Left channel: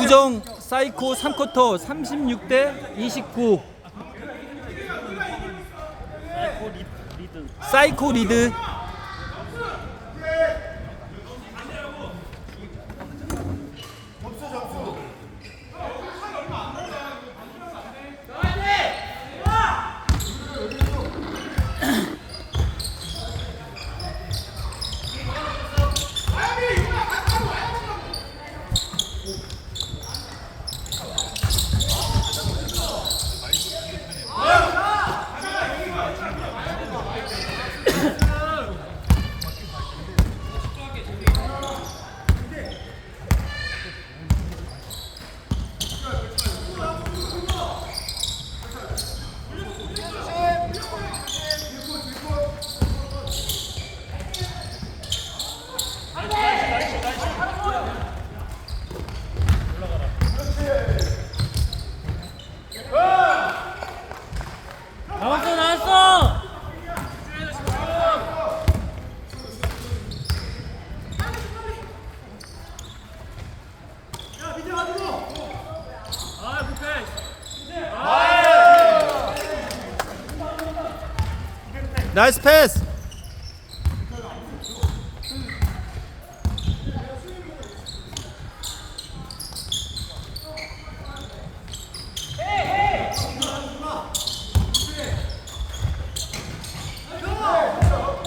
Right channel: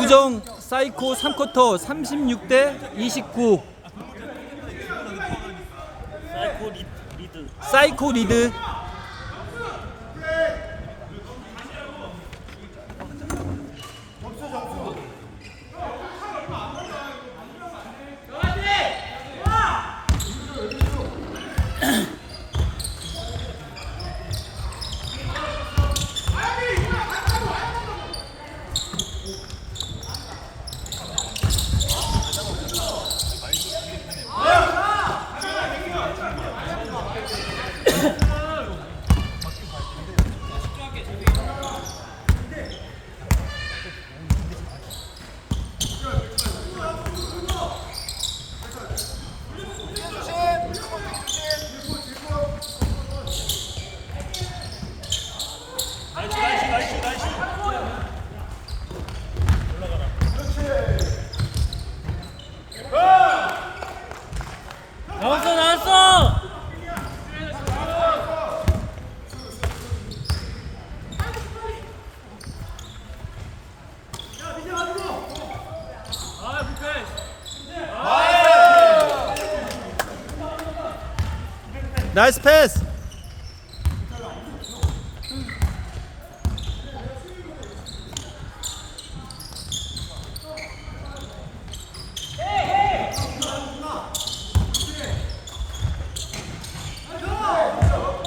우정 사이코 3쿼터 36대 29 사이코 리드 나이스 패스.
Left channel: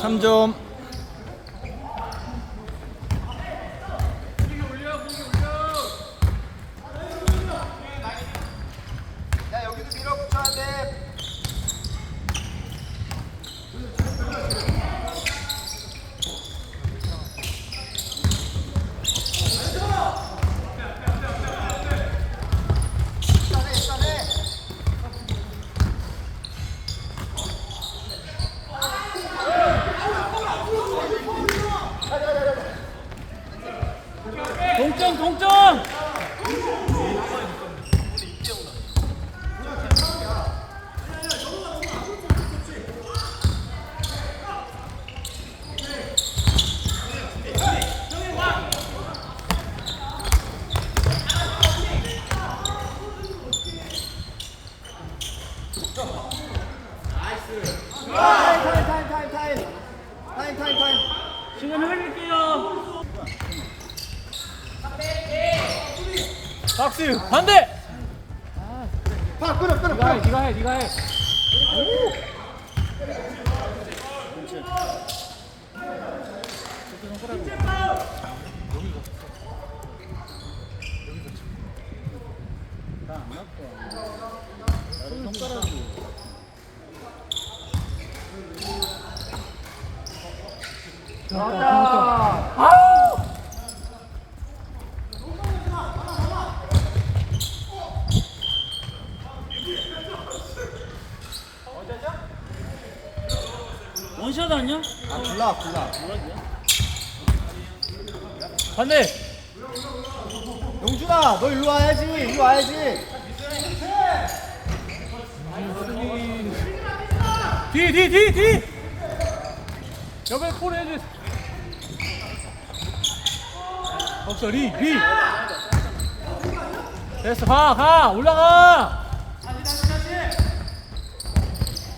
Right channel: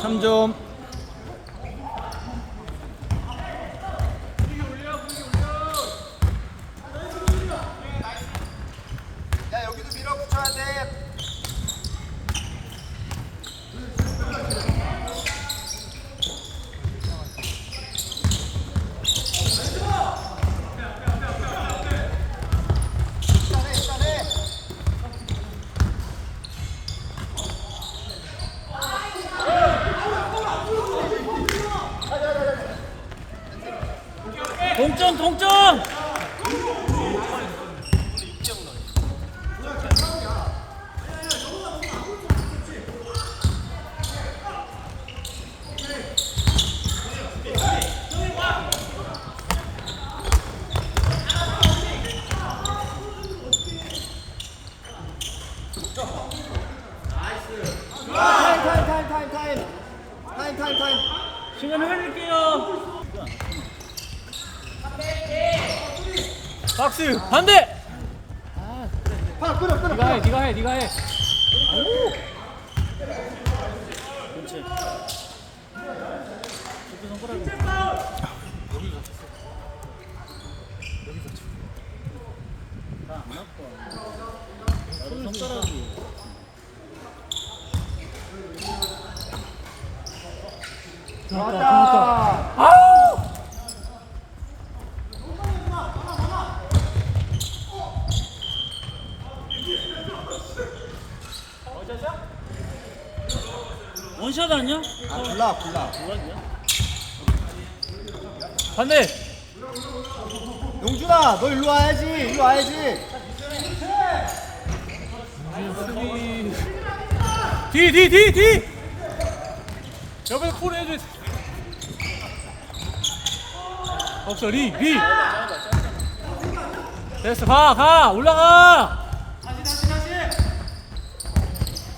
삼점 동점 동점 시간 흘릴게요. 박스 반대! 네가 해 네가 해 네가 해 원샷 아니야? 아 골라 골라. 반대. 용준아 너 일로 와야지 일로 와야지. 뒤 뒤 뒤뒤. 옆에 풀 해줘. 없어 리리 됐어 가가. 올라가.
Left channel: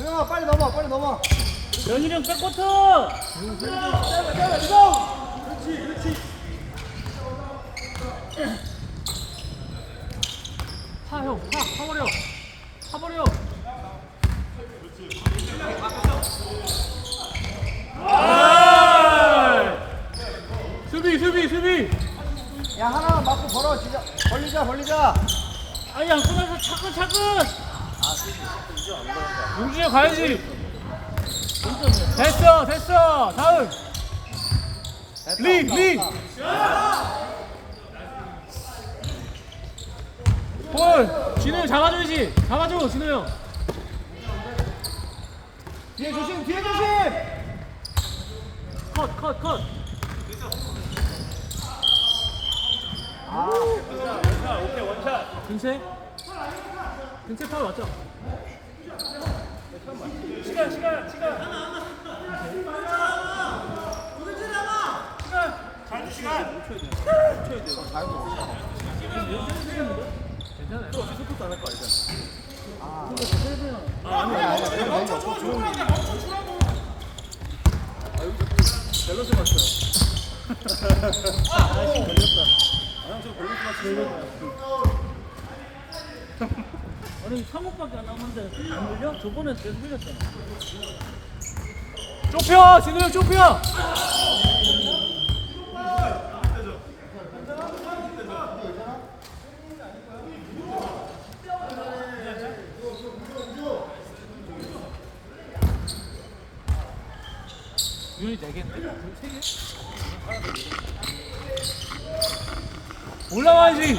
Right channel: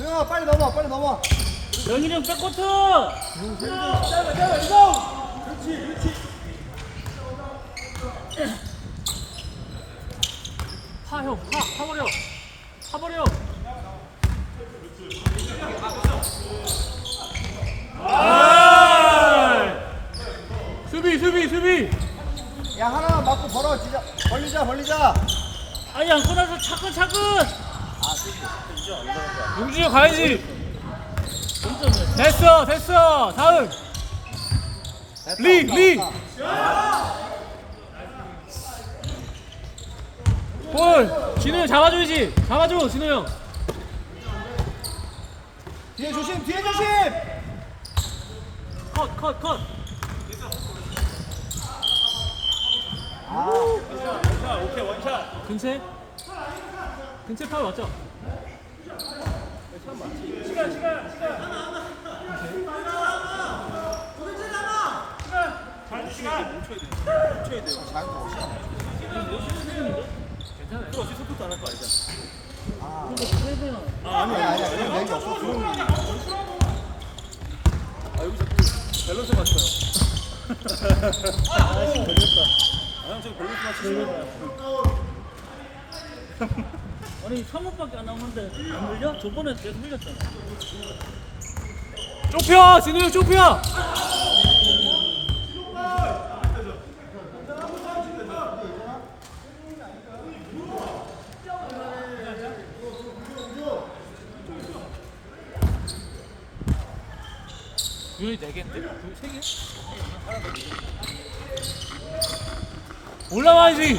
야 빨리 넘어 빨리 넘어 영일이 형 백코트! 파 형 파 파버려. 파버려. 아! 수비 수비 수비. 야 하나만 맞고 벌어지자. 벌리자 벌리자. 아니 안 끝나서 차근 차근 용준이 형 가야지 됐어 됐어 다음 리, 리. 볼 진호 형 잡아줘야지 잡아줘 진호 형 뒤에 조심 뒤에 조심 컷, 컷, 컷. 근채? 근채 파울 맞죠? 시간, 시간, 시간. 하나, 하나. 아니 3억밖에 안 남았는데 안 밀려? 저번에 계속 밀렸잖아. 좁혀! 진우 형 좁혀! 유리 4개인데? 3개? 올라와야지!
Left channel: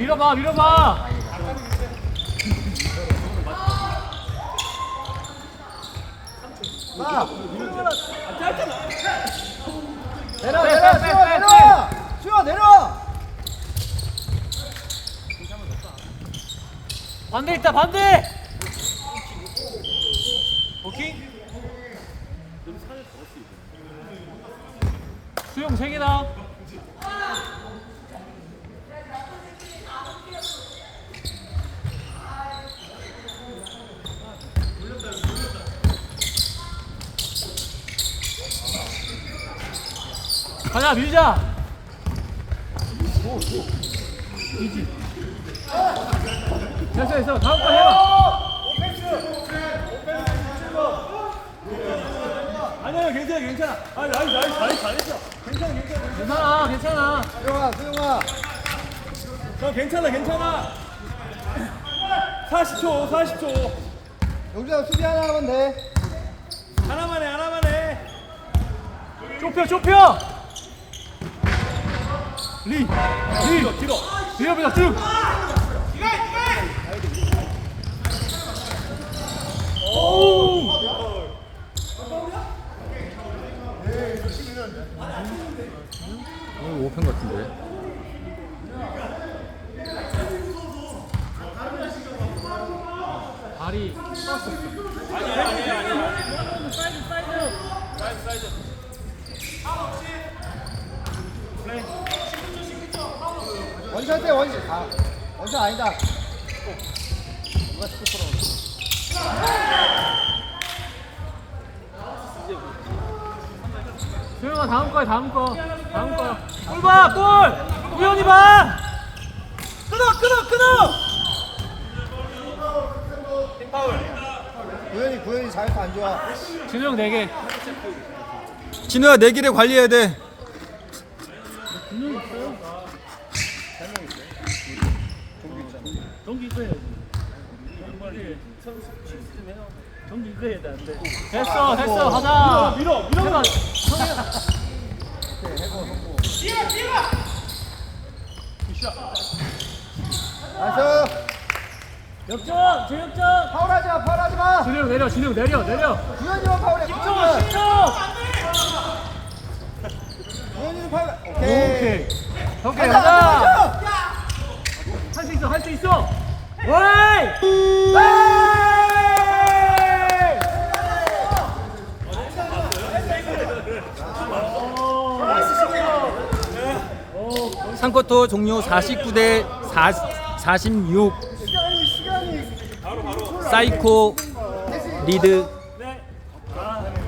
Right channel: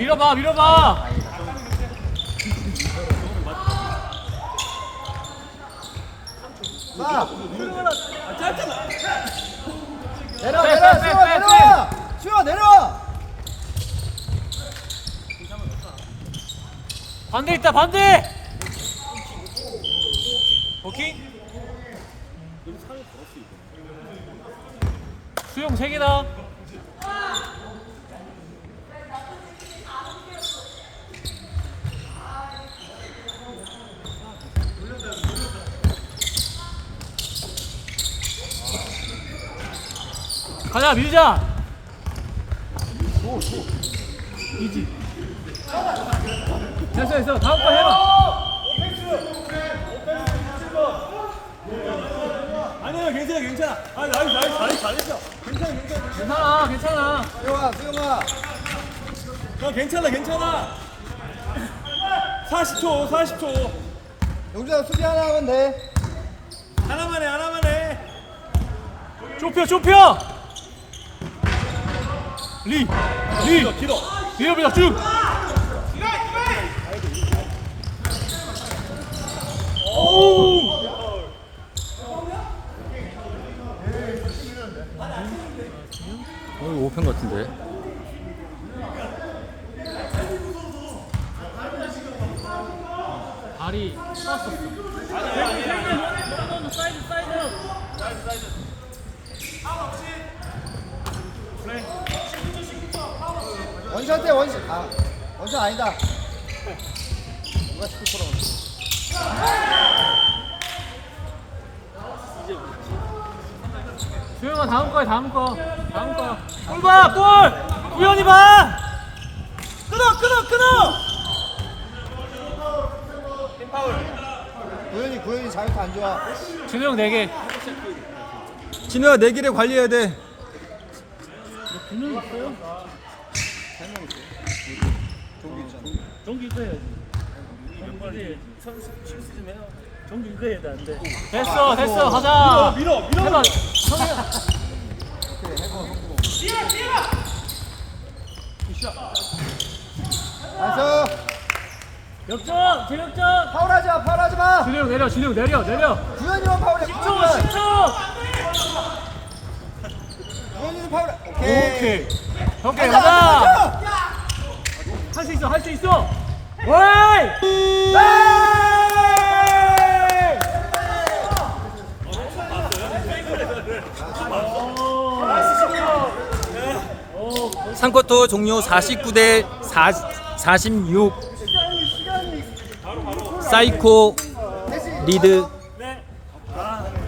밀어봐 밀어봐. 내려 빼, 내려 빼, 쉬어 빼, 내려 쉬어 내려 반대 있다 반대. 오케이. 수영 3개다 가자 밀자. 이지. 됐어 됐어. 다음 거 해봐. 아니야 괜찮아 괜찮아. 아 잘했어 괜찮아 괜찮아. 괜찮아 괜찮아. 너 괜찮아 괜찮아. 40초 40초. 용주야 수비 하나 하면 돼. 하나만 해 하나만 해. 좁혀 좁혀 리 리 길어 밀어 밀어 쭉 오! 이거 오픈 같은데 발이 쐈어 사이드 사이드. 원샷 때 원샷 아 원샷 아니다. 수영아 다음 거야 다음 거. 다음 거골봐골! 우연히 봐! 끊어 끊어 끊어! 구현이 구현이 잘했어 안 좋아. 준우 형 4개. 진우야 내 길에 관리해야 돼. 분명 있어요. 전기 있어야. 됐어 됐어 가자 밀어 밀어 밀어 내려 내려 내려 구현이만 파울해 10초 구현이만 10초 구현이는 파울 오케이 오케이 오케이 가자. 할 수 있어 할 수 있어. 웨이! 삼쿼터 종료 49대 46 사이코 리드